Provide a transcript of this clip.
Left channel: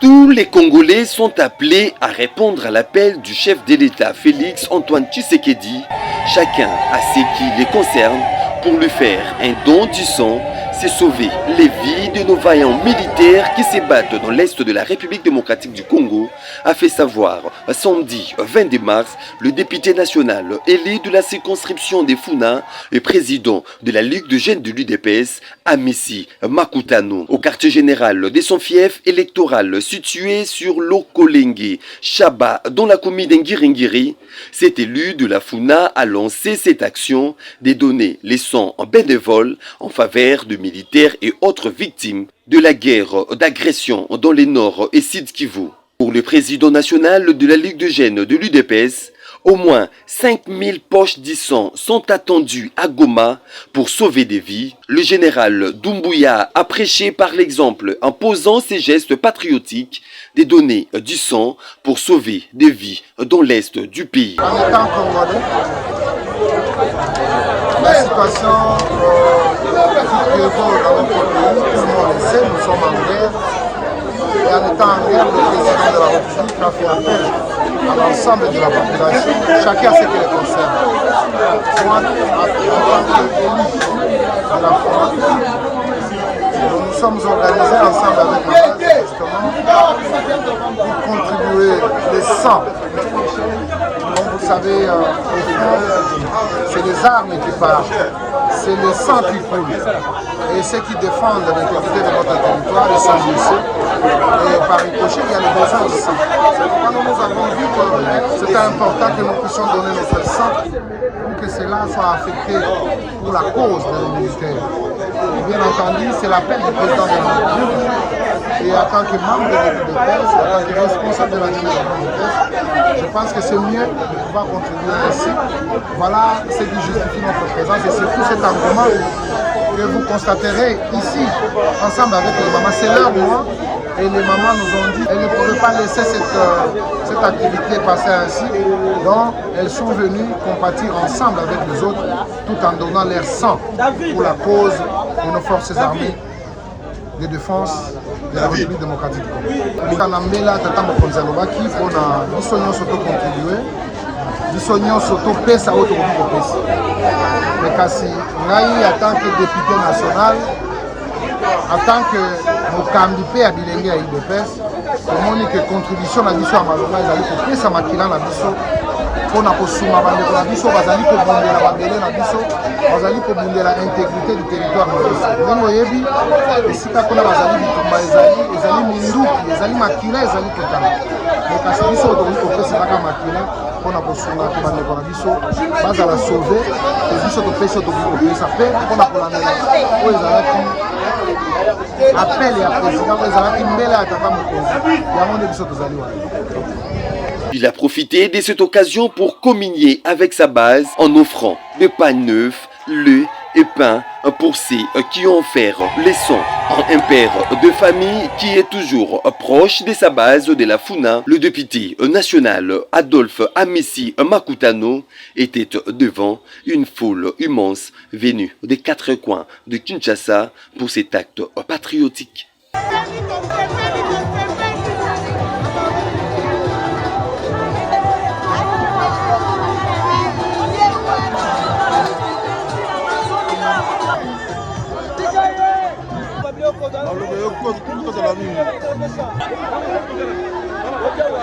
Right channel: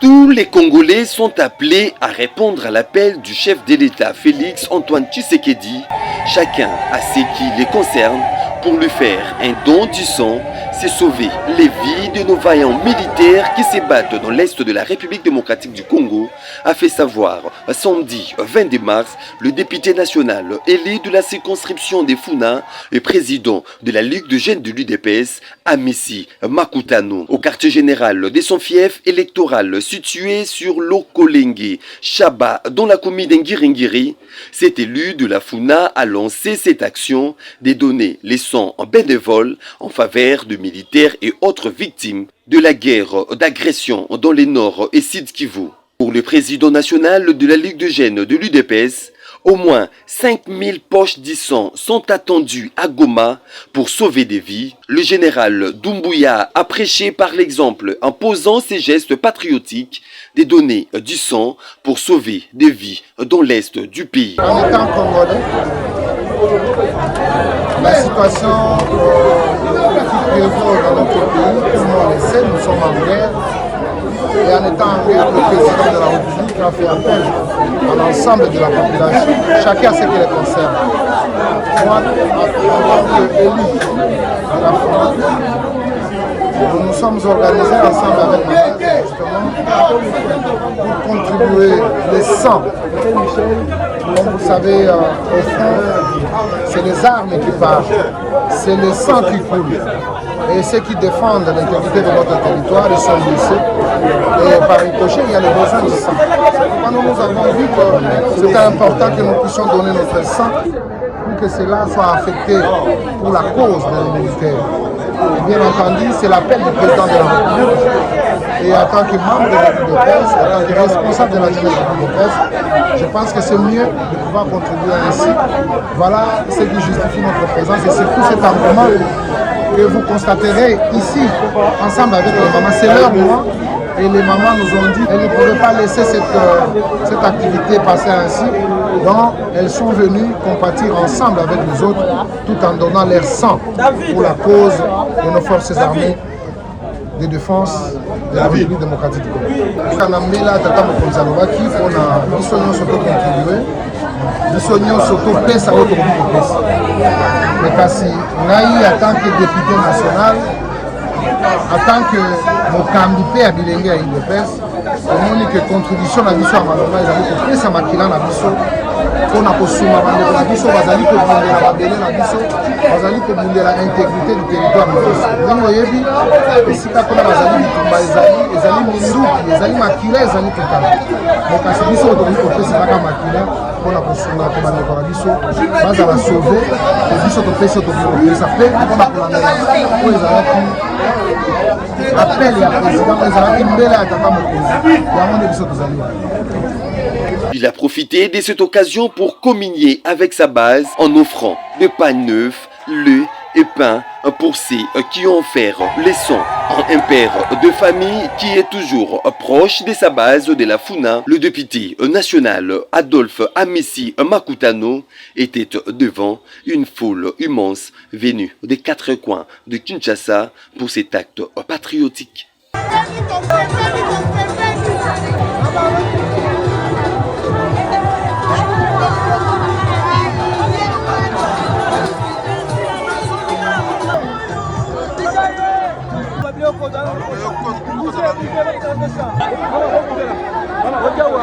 Tous les Congolais sont appelés à répondre à l'appel du chef de l'État Félix Antoine Tshisekedi, chacun à ce qui les concerne, pour lui faire un don du sang, c'est sauver les vies de nos vaillants militaires qui se battent dans l'est de la République démocratique du Congo, a fait savoir samedi 22 mars le député national élu de la circonscription des Funa et président de la Ligue de jeunes de l'UDPS, Amissi Makutano, au quartier général de son fief électoral situé sur l'Okolenge, Chaba, dans la commune d'Ngiringiri. Cet élu de la Funa a lancé cette action de donner les sangs en bénévole en faveur de militaires et autres victimes de la guerre d'agression dans les Nord et Sud Kivu. Pour le président national de la Ligue de jeunes de l'UDPS, au moins 5000 poches de sang sont attendues à Goma pour sauver des vies. Le général Doumbouya a prêché par l'exemple en posant ses gestes patriotiques de donner du sang pour sauver des vies dans l'est du pays. En étant congolais, la situation qui prévaut dans notre pays, tout le monde le sait, nous sommes en guerre. Et en étant en guerre, le président de la République a fait appel à l'ensemble de la population, chacun ce qui les concerne. Moi, en tant qu'élu de la France, nous nous sommes organisés ensemble avec ma base, justement, pour contribuer les 100. Comme vous le savez, au fond, c'est les armes qui partent, c'est le sang qui coule. Et ceux qui défendent l'intégrité de notre territoire, ils sont blessés. Et par ricochet, il y a le besoin du sang. C'est pourquoi nous avons vu que c'était important que nous puissions donner notre sang pour que cela soit affecté pour la cause de nos militaires. Et bien entendu, c'est l'appel du président de la République. Et en tant que membre de l'équipe de presse, en tant que responsable de la jeunesse de l'équipe de presse, je pense que c'est mieux de pouvoir contribuer ainsi. Voilà ce qui justifie notre présence et surtout cet engouement que vous constaterez ici, ensemble avec les mamans. C'est leur mois et les mamans nous ont dit qu'elles ne pouvaient pas laisser cette activité passer ainsi. Donc elles sont venues compatir ensemble avec les autres tout en donnant leur sang pour la cause de nos forces armées de défense de la République démocratique du Congo. Kanamela tata mokonzi alobaki mpona biso nyonso tokontribue, biso nyonso topesa oyo tokoki kopesa. Mais kasi ngai en tant que député national, en tant que mokambi mpe ya bilenge ya UDPS, omoni ke contribution na biso ya malonga ezali kopesa makila na biso mpona kosunga bandeko na biso bazali kobundela babele na biso, bazali kobundela intégrité du territoire na biso. Ndenge oyebi esika mpona bazali bitumba ezali minduki, ezali makila ezali kotala. Mais kasi biso tokoki kopesa kaka makila mpona kosunga te bandeko na biso bazala sauve, te biso topesi tokoki kopesa mpe mpona kolandela oyo ezalaki appel ya président oyo ezalaki mbele ya tata mokonzi yango nde biso tozali wana. Il a profité de cette occasion pour communier avec sa base en offrant des pains neufs, lait et pain pour ceux qui ont offert les sons. Un père de famille qui est toujours proche de sa base de la Funa, le député national Adolphe Amissi Makutano était devant une foule immense venue des quatre coins de Kinshasa pour cet acte patriotique.